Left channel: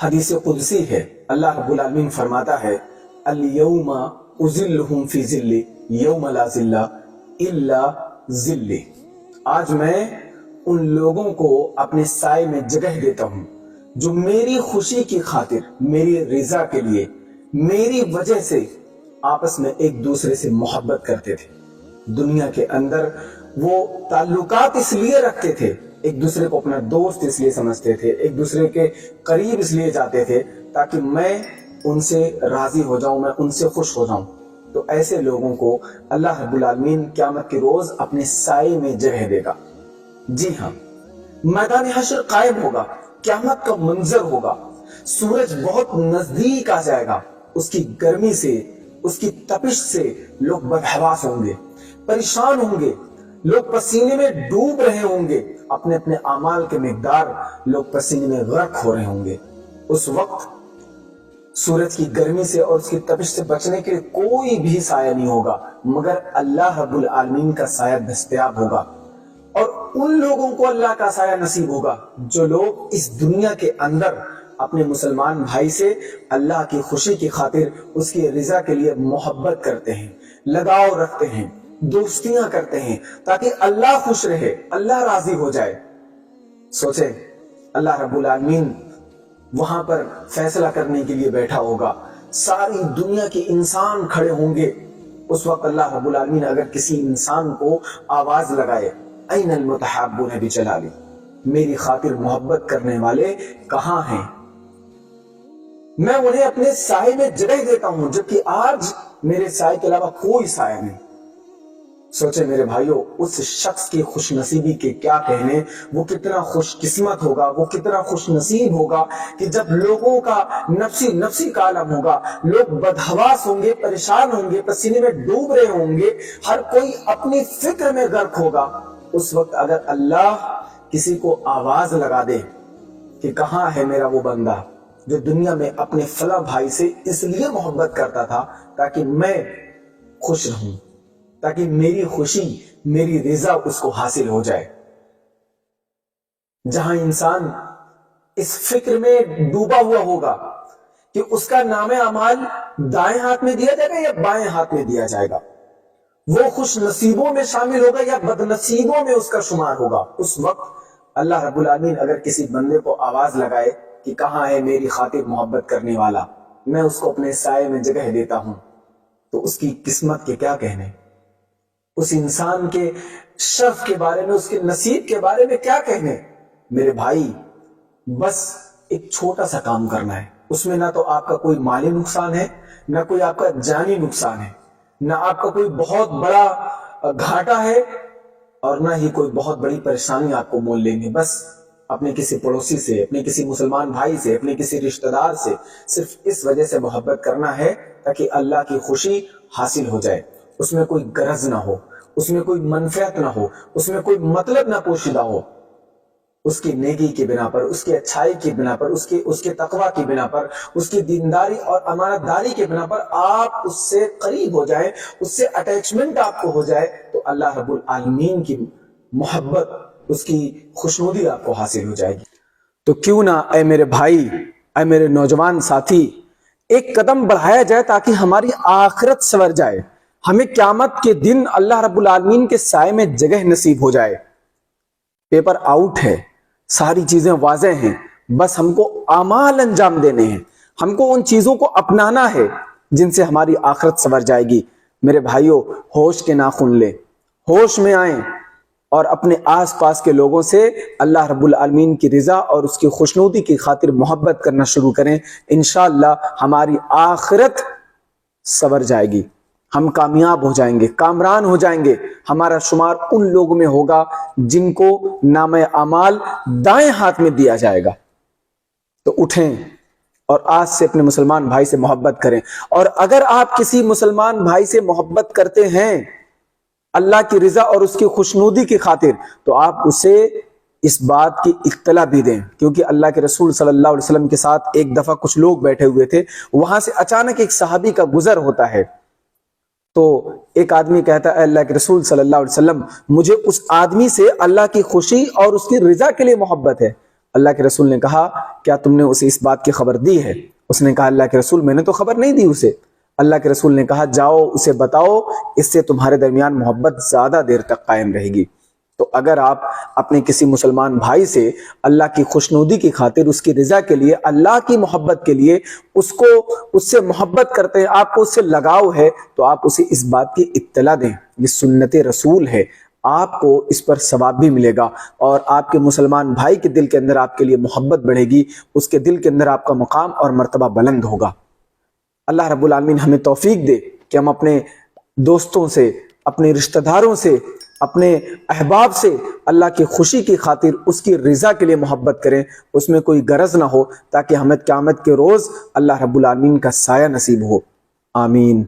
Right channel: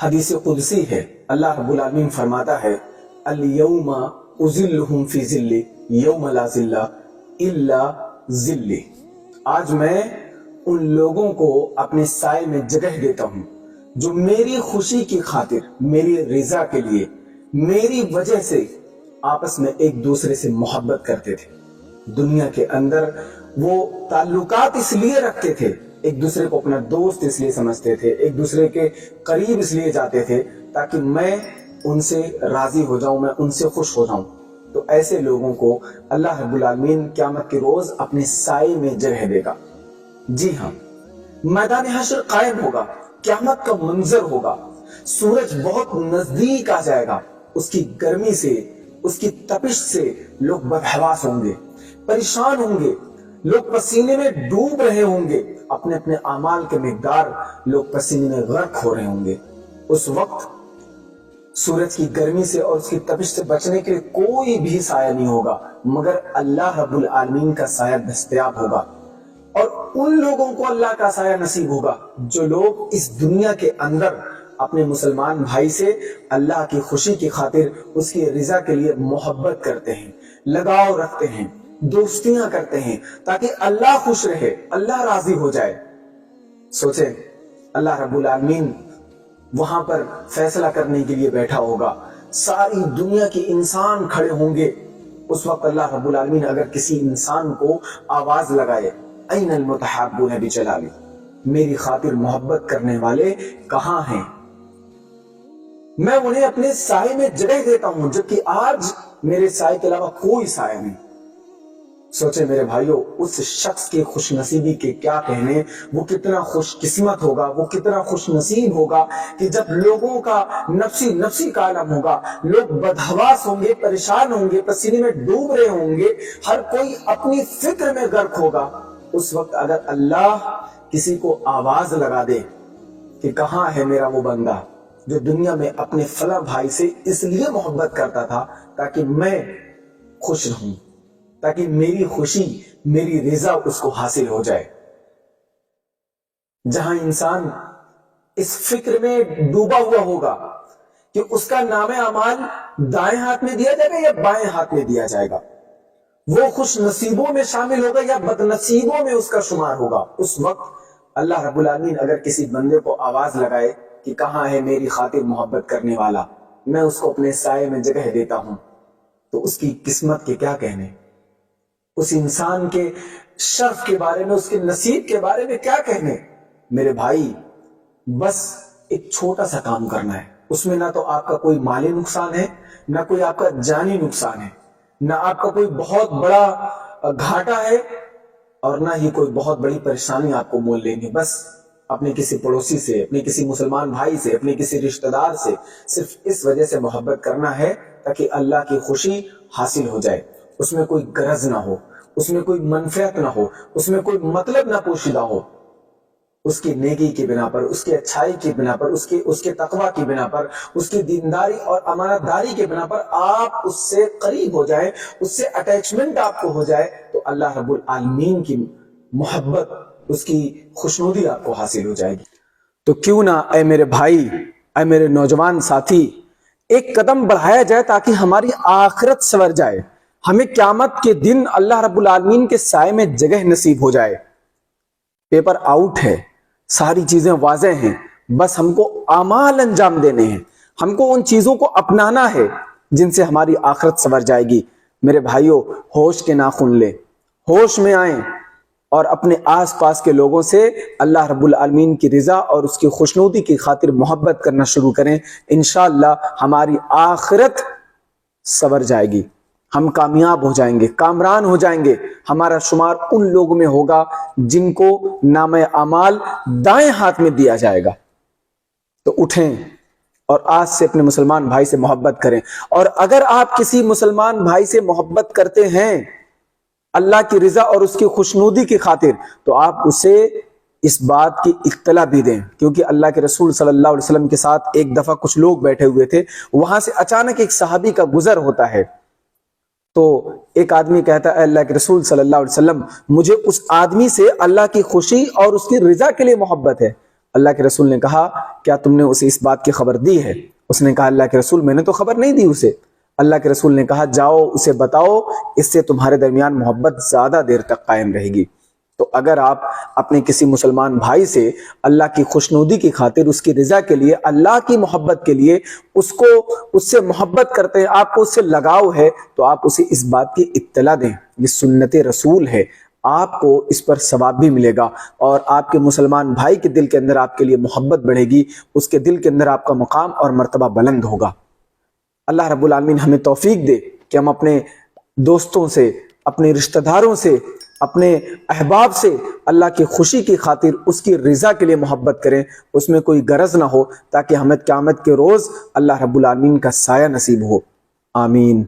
حدیث قدسی ہے، اللہ رب العالمین فرماتا ہے الیوم اذلہم فی ذلی یوم لا ذل الا ذلی، آج میں ان لوگوں کو اپنے سائے میں جگہ دیتا ہوں جو میری خوشی کی خاطر، میری رضا کے لیے، میری وجہ سے آپس میں ایک دوسرے سے محبت کرتے تھے۔ دنیا کے اندر وہ تعلقات اس لیے رکھتے تھے، ایک دوسرے کو اپنا دوست اس لیے سمجھتے تھے، ایک دوسرے کے قریب اس لیے جاتے تھے تاکہ میں ان سے راضی ہو جاؤں، میں ان سے خوش ہو جاؤں۔ تو ایسے لوگوں کو اللہ رب العالمین قیامت کے روز اپنے سائے میں جگہ دے گا۔ جی ہاں، میدان حشر قائم ہوگا، قیامت کا منظر ہوگا، سورج بہت نزدیک آ جائے گا، اس کی گرمی سے، اس کی تپش سے لوگ بدحواس ہوں گے، پریشان ہوں گے، لوگ پسینے میں ڈوب رہے ہوں گے، اپنے اپنے اعمال کے مقدار لوگ پسینے میں غرق ہو رہے ہوں گے۔ اس وقت سورج کی گرمی سے اور اس کی تپش سے بچنے کے لیے کوئی بھی سایہ نہیں ہوگا مگر اللہ رب العالمین کا سایہ دستیاب ہوگا، اور ان لوگوں کو اللہ کا سایہ نصیب ہوگا جو لوگ اس دنیا کے اندر اپنے مسلمان بھائی سے اللہ کی خوشی کی خاطر، اس کی رضا کے لیے محبت کرتے ہیں، لگاؤ رکھتے ہیں، دوستیاں کرتے ہیں تاکہ اللہ خوش رہے، اللہ راضی ہو جائے۔ سوچیں، اللہ رب العالمین وہاں پر فیصلہ کرنے کے لیے بیٹھا ہوگا، ساری دنیا کے انسان کھڑے ہوں گے۔ اس وقت اللہ رب العالمین اگر کسی انسان کو آواز لگائے، این المتحابون بجلالی، میری خاطر محبت کرنے والے کہاں ہیں، میں انہیں اپنے سائے میں جگہ دیتا ہوں، جبکہ آج میرے سائے کے علاوہ کوئی سایہ نہیں۔ سوچے میرے بھائیوں، اس شخص کی خوش نصیبی کے کیا کہنے، وہ کتنا خوش قسمت ہوگا، وہ کتنا خوش نصیب ہوگا کہ جب لوگوں کا نفسی کا عالم ہوگا، لوگ بدحواس ہوں گے، پریشان ہوں گے، پسینے میں ڈوب رہے ہوں گے، ہر کوئی اپنی فکر میں غرق ہوگا۔ اس وقت اگر اللہ کسی کو آواز لگا دے کہ کہاں ہے میرا وہ بندہ جو دنیا میں اپنے فلاں بھائی سے اس لیے محبت کرتا تھا تاکہ میں خوش رہوں، تاکہ میری خوشی، میری رضا اس کو حاصل ہو جائے۔ جہاں انسان اس فکر میں ڈوبا ہوا ہوگا کہ اس کا نام اعمال دائیں ہاتھ میں دیا جائے گا یا بائیں ہاتھ میں دیا جائے گا، وہ خوش نصیبوں میں شامل ہوگا یا بد نصیبوں میں اس کا شمار ہوگا، اس وقت اللہ رب العالمین اگر کسی بندے کو آواز لگائے کہ کہاں ہے میری خاطر محبت کرنے والا، میں اس کو اپنے سائے میں جگہ دیتا ہوں، تو اس کی قسمت کے کیا کہنے، اس انسان کے شرف کے بارے میں، اس کے نصیب کے بارے میں کیا کہنے۔ میرے بھائی، بس ایک چھوٹا سا کام کرنا ہے، اس میں نہ تو آپ کا کوئی مالی نقصان ہے، نہ کوئی آپ کا جانی نقصان ہے، نہ آپ کا کوئی بہت بڑا گھاٹا ہے، اور نہ ہی کوئی بہت بڑی پریشانی آپ کو مول لیں گے۔ بس اپنے کسی پڑوسی سے، اپنے کسی مسلمان بھائی سے، اپنے کسی رشتہ دار سے صرف اس وجہ سے محبت کرنا ہے تاکہ اللہ کی خوشی حاصل ہو جائے، اس میں کوئی غرض نہ ہو، اس میں کوئی منفعت نہ ہو، اس میں کوئی مطلب نہ پوشیدہ ہو، اس کی نیکی کی بنا پر، اس کی اچھائی کی بنا پر، اس کے تقوی کی بنا پر، اس کی دینداری اور امانت داری کی بنا پر آپ اس سے قریب ہو جائیں، اس سے اٹیچمنٹ آپ کو ہو جائے، تو اللہ رب العالمین کی محبت، اس کی خوشنودی آپ کو حاصل ہو جائے گی۔ تو کیوں نہ اے میرے بھائی، اے میرے نوجوان ساتھی، ایک قدم بڑھایا جائے تاکہ ہماری آخرت سنور جائے، ہمیں قیامت کے دن اللہ رب العالمین کے سائے میں جگہ نصیب ہو جائے۔ پیپر آؤٹ ہے، ساری چیزیں واضح ہیں، بس ہم کو اعمال انجام دینے ہیں، ہم کو ان چیزوں کو اپنانا ہے جن سے ہماری آخرت سنور جائے گی۔ میرے بھائیوں، ہوش کے ناخن لیں، ہوش میں آئیں، اور اپنے آس پاس کے لوگوں سے اللہ رب العالمین کی رضا اور اس کی خوشنودی کی خاطر محبت کرنا شروع کریں۔ انشاءاللہ ہماری آخرت سنور جائے گی، ہم کامیاب ہو جائیں گے، کامران ہو جائیں گے، ہمارا شمار ان لوگوں میں ہوگا جن کو نام اعمال دائیں ہاتھ میں دیا جائے گا۔ تو اٹھیں اور آج سے اپنے مسلمان بھائی سے محبت کریں، اور اگر آپ کسی مسلمان بھائی سے محبت کرتے ہیں اللہ کی رضا اور اس کی خوشنودی کی خاطر، تو آپ اسے اس بات کی اطلاع بھی دیں، کیونکہ اللہ کے رسول صلی اللہ علیہ وسلم کے ساتھ ایک دفعہ کچھ لوگ بیٹھے ہوئے تھے، وہاں سے اچانک ایک صحابی کا گزر ہوتا ہے، تو ایک آدمی کہتا ہے اللہ کے رسول صلی اللہ علیہ وسلم، مجھے اس آدمی سے اللہ کی خوشی اور اس کی رضا کے لیے محبت ہے، اللہ کے رسول نے کہا کیا تم نے اسے اس بات کی خبر دی ہے؟ اس نے کہا اللہ کے رسول میں نے تو خبر نہیں دی اسے۔ اللہ کے رسول نے کہا جاؤ اسے بتاؤ، اس سے تمہارے درمیان محبت زیادہ دیر تک قائم رہے گی۔ تو اگر آپ اپنے کسی مسلمان بھائی سے اللہ کی خوشنودی کی خاطر، اس کی رضا کے لیے، اللہ کی محبت کے لیے اس سے محبت کرتے ہیں، آپ کو اس سے لگاؤ ہے، تو آپ اسے اس بات کی اطلاع دیں۔ یہ سنت رسول ہے، آپ کو اس پر ثواب بھی ملے گا، اور آپ کے مسلمان بھائی کے دل کے اندر آپ کے لیے محبت بڑھے گی، اس کے دل کے اندر آپ کا مقام اور مرتبہ بلند ہوگا۔ اللہ رب العالمین ہمیں توفیق دے کہ ہم اپنے دوستوں سے، اپنے رشتہ داروں سے، اپنے احباب سے اللہ کی خوشی کی خاطر، اس کی رضا کے لیے محبت کریں، اس میں کوئی غرض نہ ہو، تاکہ ہمیں قیامت کے روز اللہ رب العالمین کا سایہ نصیب ہو۔ آمین۔